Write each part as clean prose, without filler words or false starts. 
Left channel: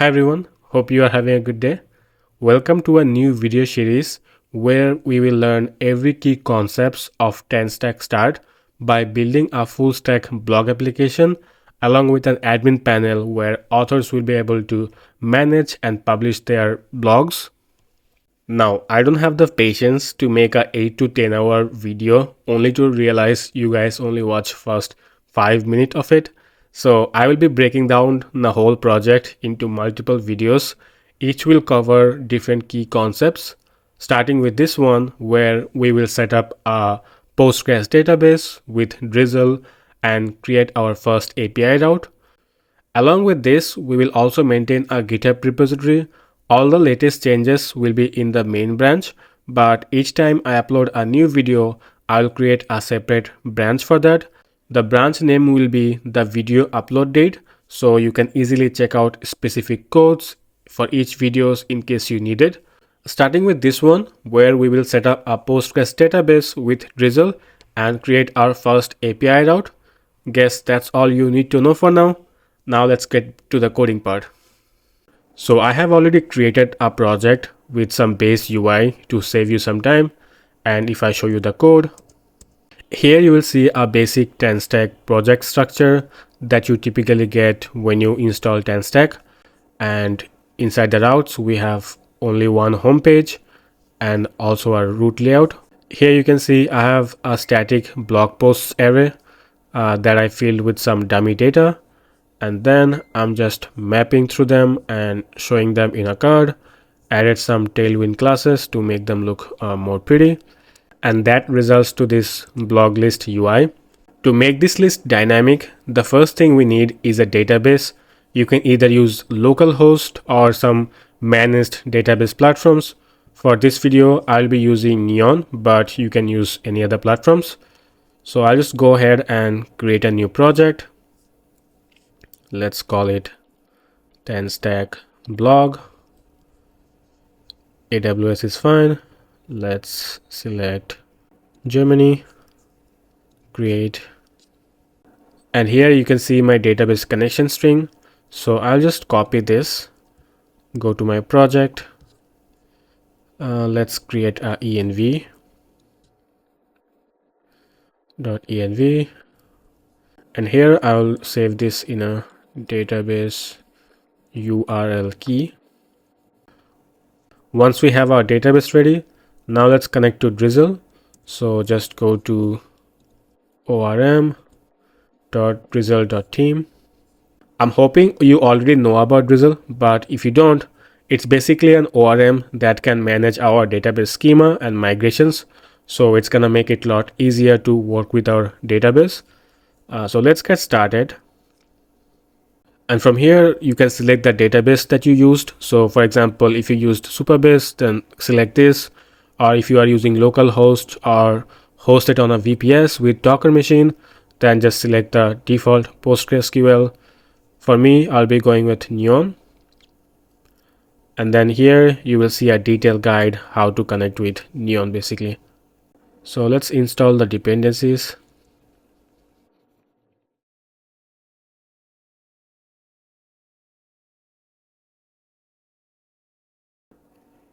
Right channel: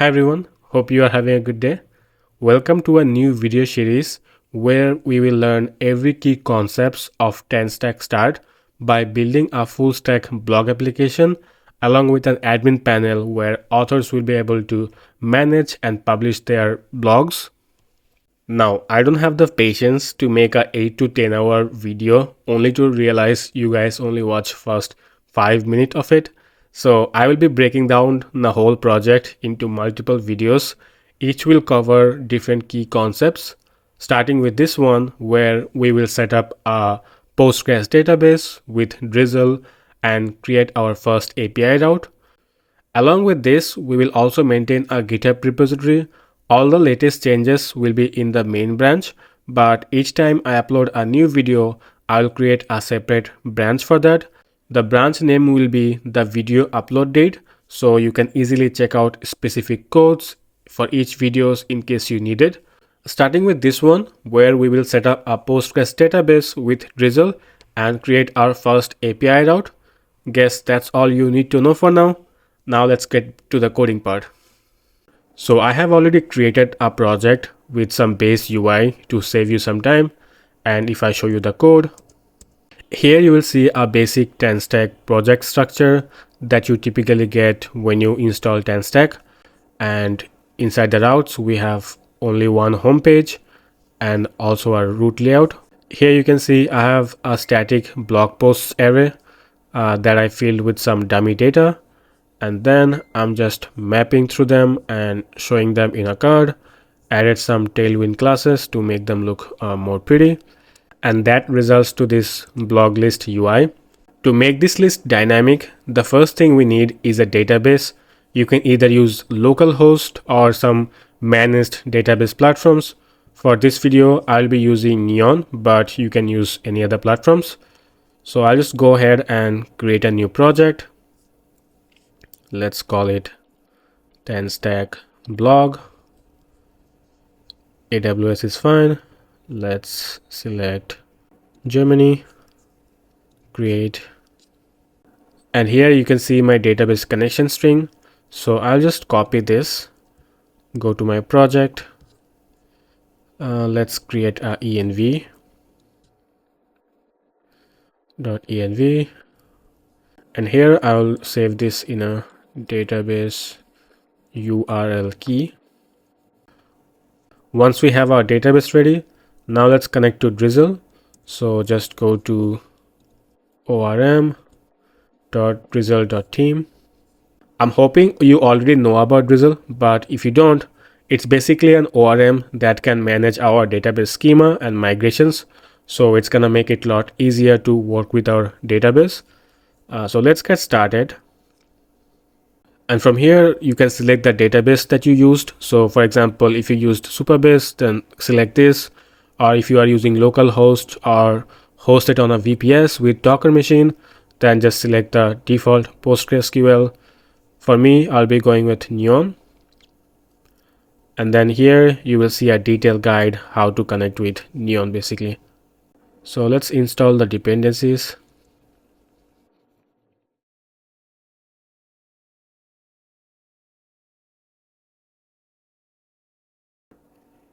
Hi everyone, hope you are having a good day. Welcome to a new video series where we will learn every key concepts of Tanstack Start by building a full stack blog application along with an admin panel where authors will be able to manage and publish their blogs. Now, I don't have the patience to make a 8 to 10 hour video only to realize you guys only watch first 5 minutes of it. So I will be breaking down the whole project into multiple videos. Each will cover different key concepts, starting with this one where we will set up a Postgres database with Drizzle and create our first API route. Along with this, we will also maintain a GitHub repository. All the latest changes will be in the main branch, but each time I upload a new video, I will create a separate branch for that. The branch name will be the video upload date, so you can easily check out specific codes for each videos in case you need it. Starting with this one, where we will set up a Postgres database with Drizzle and create our first API route. Guess that's all you need to know for now. Now let's get to the coding part. So I have already created a project with some base UI to save you some time. And if I show you the code, here you will see a basic Tanstack project structure that you typically get when you install Tanstack. And inside the routes, we have only one home page and also a route layout. Here you can see I have a static blog posts array that I filled with some dummy data. And then I'm just mapping through them and showing them in a card. Added some tailwind classes to make them look more pretty, and that results to this blog list UI. To make this list dynamic, the first thing we need is a database. You can either use localhost or some managed database platforms. For this video, I'll be using Neon, but you can use any other platforms. So I'll just go ahead and create a new project. Let's call it Tanstack blog. AWS is fine. Let's select Germany, create, and here you can see my database connection string. So I'll just copy this, go to my project. Let's create a env.env, and here I'll save this in a database URL key. Once we have our database ready, now let's connect to Drizzle. So just go to orm.drizzle.team. I'm hoping you already know about Drizzle, but if you don't, it's basically an ORM that can manage our database schema and migrations. So it's gonna make it a lot easier to work with our database. So let's get started. And from here, you can select the database that you used. So for example, if you used Supabase, then select this. Or if you are using localhost or hosted on a VPS with Docker machine, then just select the default PostgreSQL. For me, I'll be going with Neon. And then here you will see a detailed guide how to connect with Neon basically. So let's install the dependencies.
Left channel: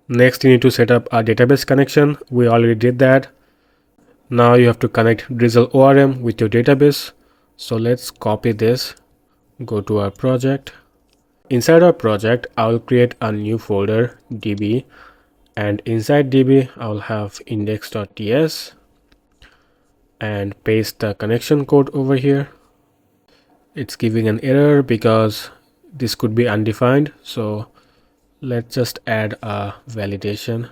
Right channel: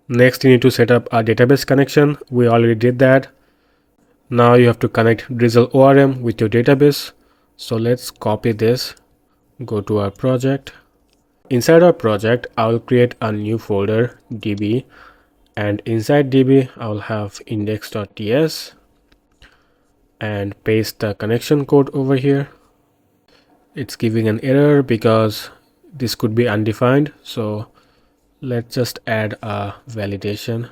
Next, you need to set up a database connection. We already did that. Now you have to connect Drizzle ORM with your database. So let's copy this, go to our project. Inside our project, I will create a new folder, db, and inside db, I'll have index.ts and paste the connection code over here. It's giving an error because this could be undefined. So let's just add a validation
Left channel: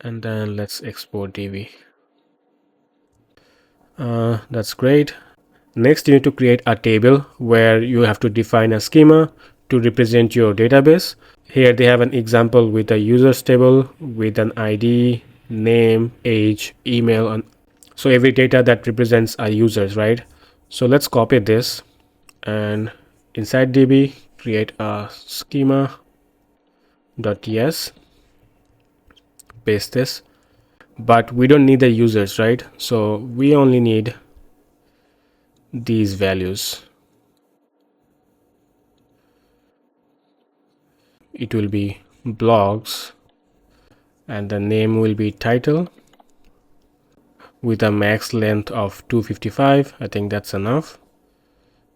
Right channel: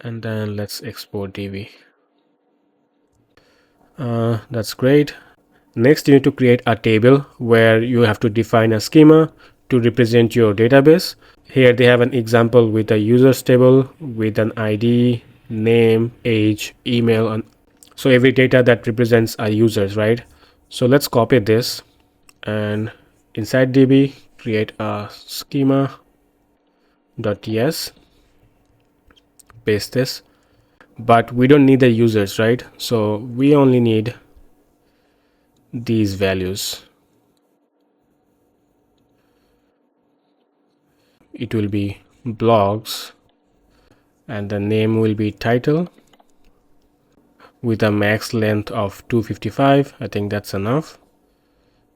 and then let's export db. That's great. Next, you need to create a table where you have to define a schema to represent your database. Here they have an example with a users table with an ID, name, age, email, and so every data that represents our users, right? So let's copy this and inside db create a schema.ts, paste this, but we don't need the users, right? So we only need these values. it will be blogs, and the name will be title with a max length of 255. I think that's enough.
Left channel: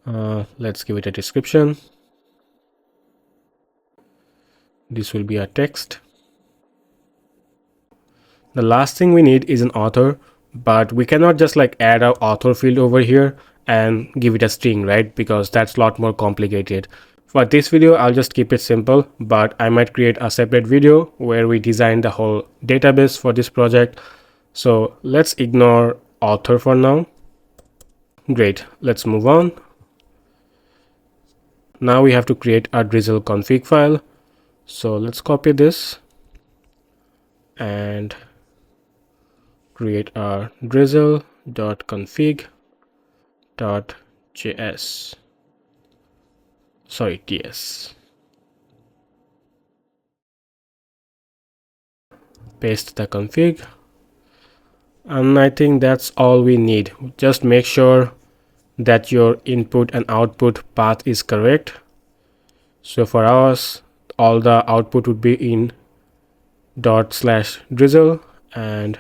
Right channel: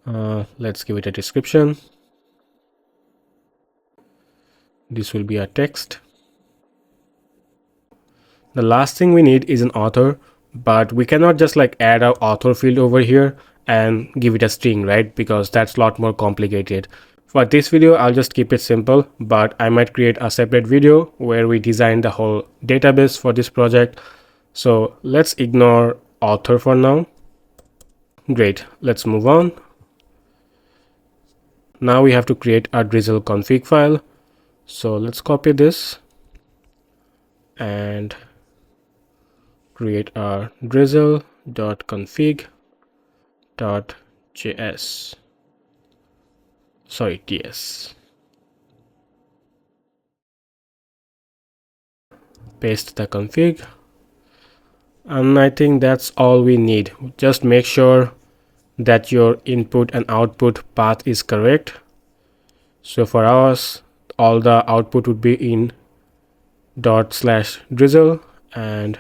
Let's give it a description. This will be a text. The last thing we need is an author, but we cannot just like add our author field over here and give it a string, right? Because that's a lot more complicated. For this video, I'll just keep it simple, but I might create a separate video where we design the whole database for this project. So let's ignore author for now. Great, let's move on. Now we have to create a Drizzle config file. So let's copy this and create our drizzle.config.js. Sorry, TS. Paste the config. And I think that's all we need. Just make sure that your input and output path is correct. So for ours, all the output would be in /drizzle, and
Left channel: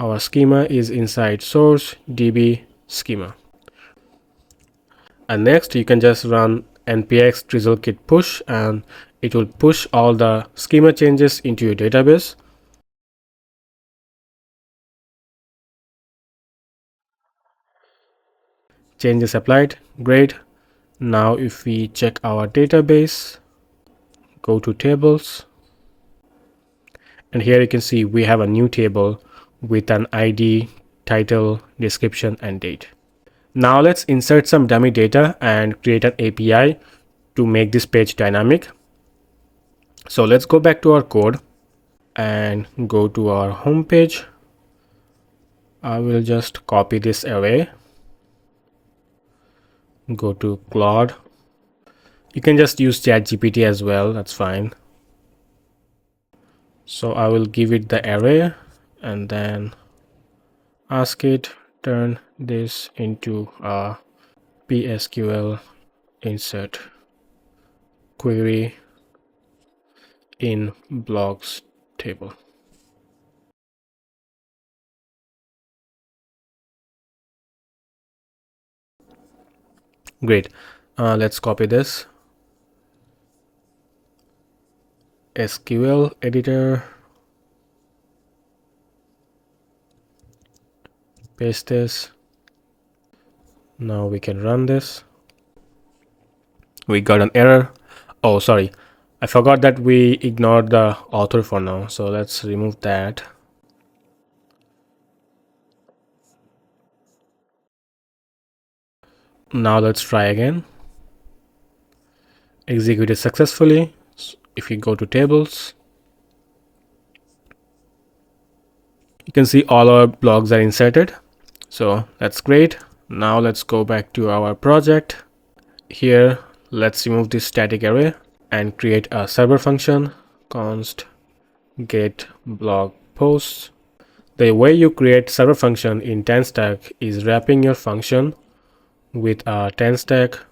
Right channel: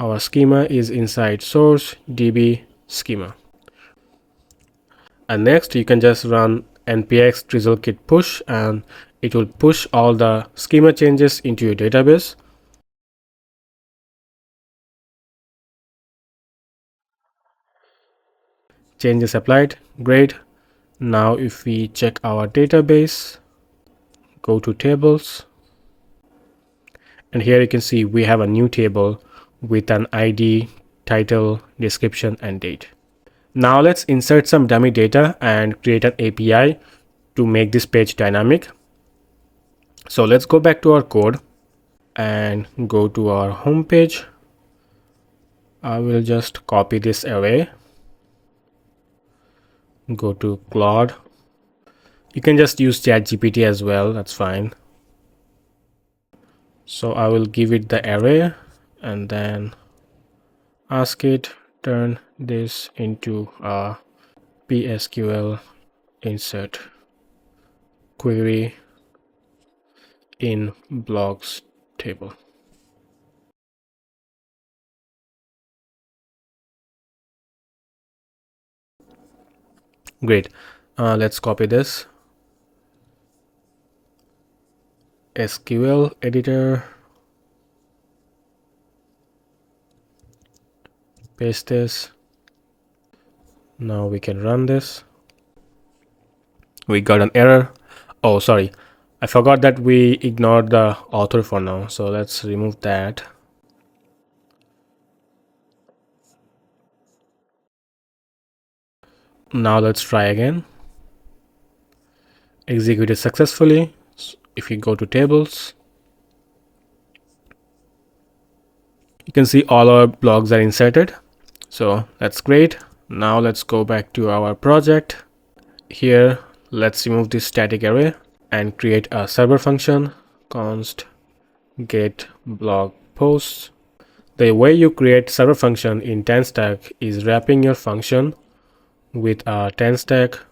our schema is inside source db schema. And next you can just run npx drizzle kit push, and it will push all the schema changes into your database. Changes applied. Great. Now if we check our database, go to tables, and here you can see we have a new table with an ID, title, description, and date. Now let's insert some dummy data and create an API to make this page dynamic. So let's go back to our code and go to our home page. I will just copy this array, go to Claude. You can just use ChatGPT as well, that's fine. So I will give it the array and then ask it turn this into a PSQL insert query in blogs table. Great. Let's copy this. SQL editor, paste this. Now we can run this. We got an error. Oh, sorry, I forgot that we ignored the author for now, so let's remove that. Now let's try again. Executed successfully. If you go to tables, you can see all our blogs are inserted. So that's great. Now let's go back to our project. Here, let's remove this static array and create a server function, const get blog posts. The way you create server function in Tanstack is wrapping your function with a Tanstack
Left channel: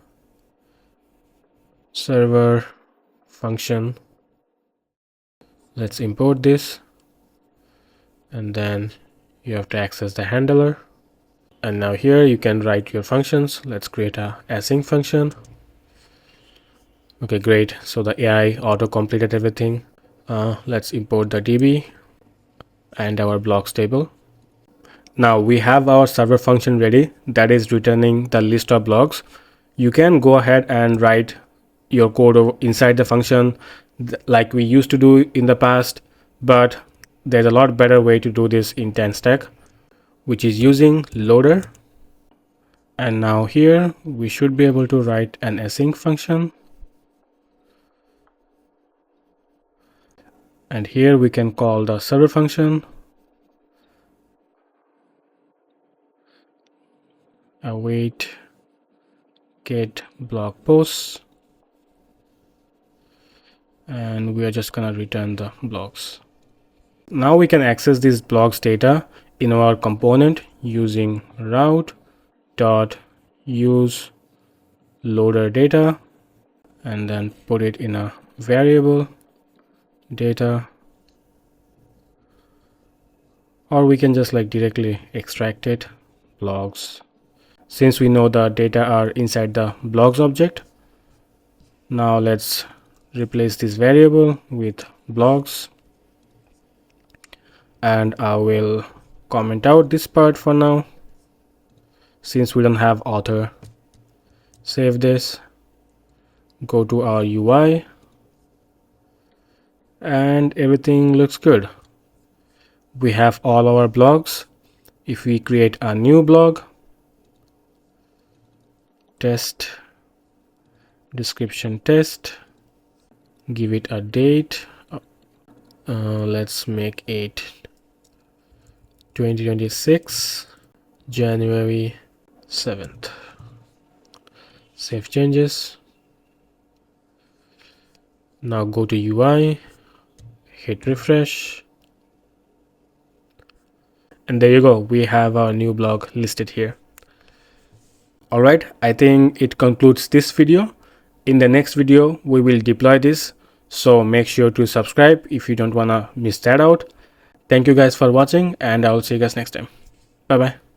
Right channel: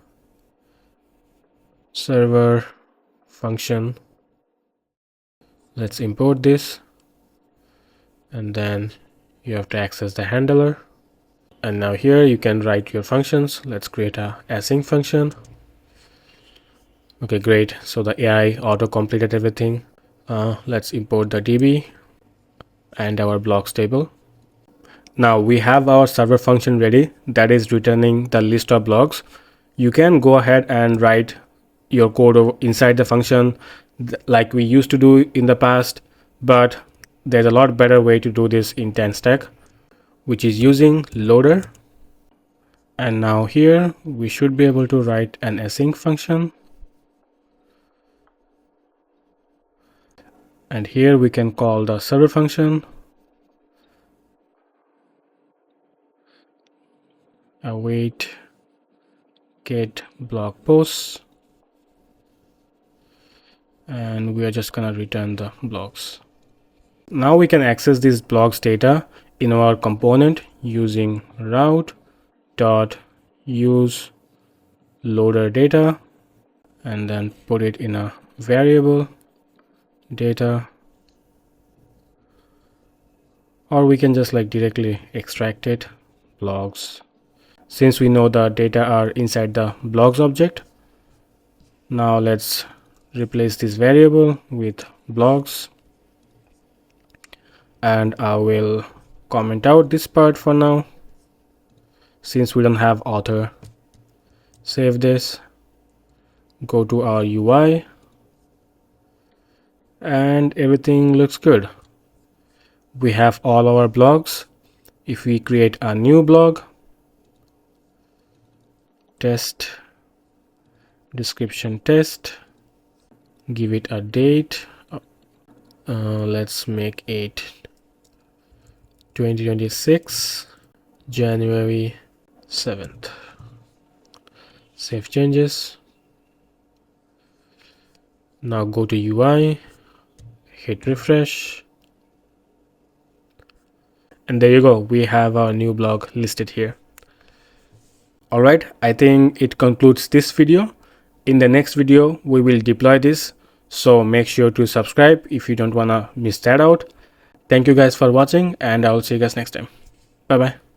Server function. Let's import this, and then you have to access the handler. And now here you can write your functions. Let's create a async function. Okay, great. So the AI auto completed everything. Let's import the DB and our blocks table. Now we have our server function ready, that is returning the list of blogs. You can go ahead and write your code inside the function like we used to do in the past, but there's a lot better way to do this in Tanstack, which is using loader. And now here we should be able to write an async function, and here we can call the server function, await get blog posts, and we are just gonna return the blogs. Now we can access these blogs data in our component using route.use loader data, and then put it in a variable data, or we can just like directly extract it, blogs. Since we know the data are inside the blogs object, now let's replace this variable with blogs, and I will comment out this part for now since we don't have author. Save this, go to our UI, and everything looks good. We have all our blogs. If we create a new blog, test, description test, give it a date, let's make it 2026 January 7th. Save changes. Now go to UI, hit refresh, and there you go, we have our new blog listed here. Alright, I think it concludes this video. In the next video we will deploy this, so make sure to subscribe if you don't wanna miss that out. Thank you guys for watching, and I will see you guys next time. Bye bye.